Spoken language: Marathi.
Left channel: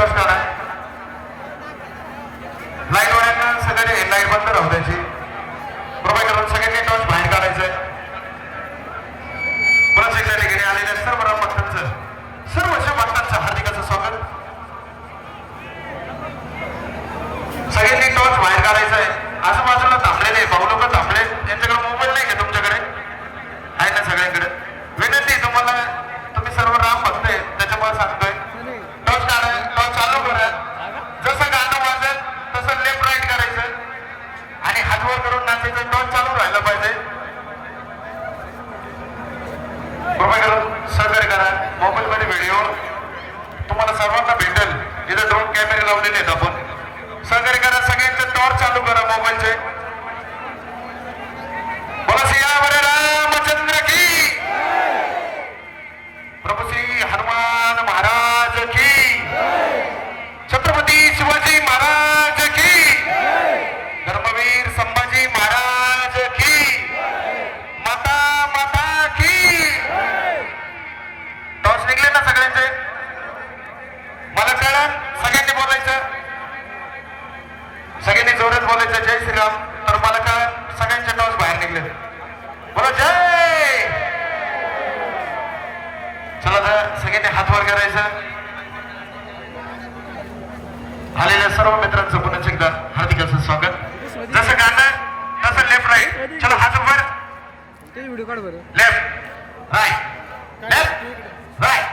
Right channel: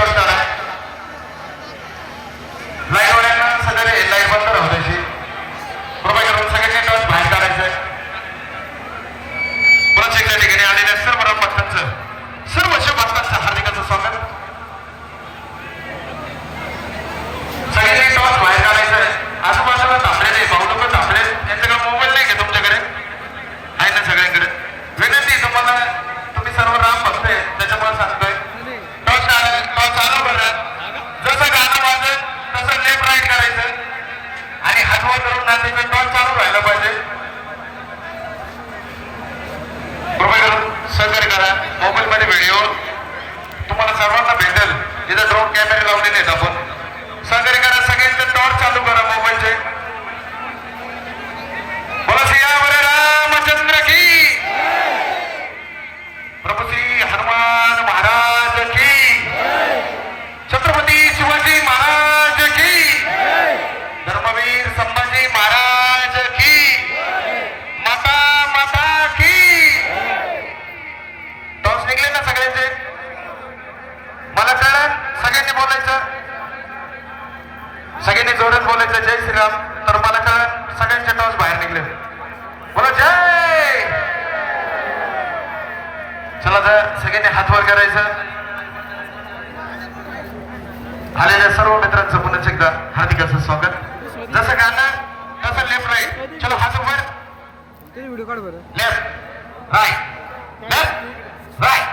দরকার करायचंय मला कळलं? सगळ्यांनी बोलायचं? सगळ्यांनी जोरच बोलायचं. जय श्रीराम. तर मला कळलं सगळ्यांच्या टॉस बाहेर निघले. बोला जय! चला जर सगळ्यांनी हातवर करायचं. आलेल्या सर्व मित्रांचं पुन्हा एकदा हार्दिकाचं स्वागत. जसं गाणं तसं लेफ्ट राईट चलो हात वर. Left right left right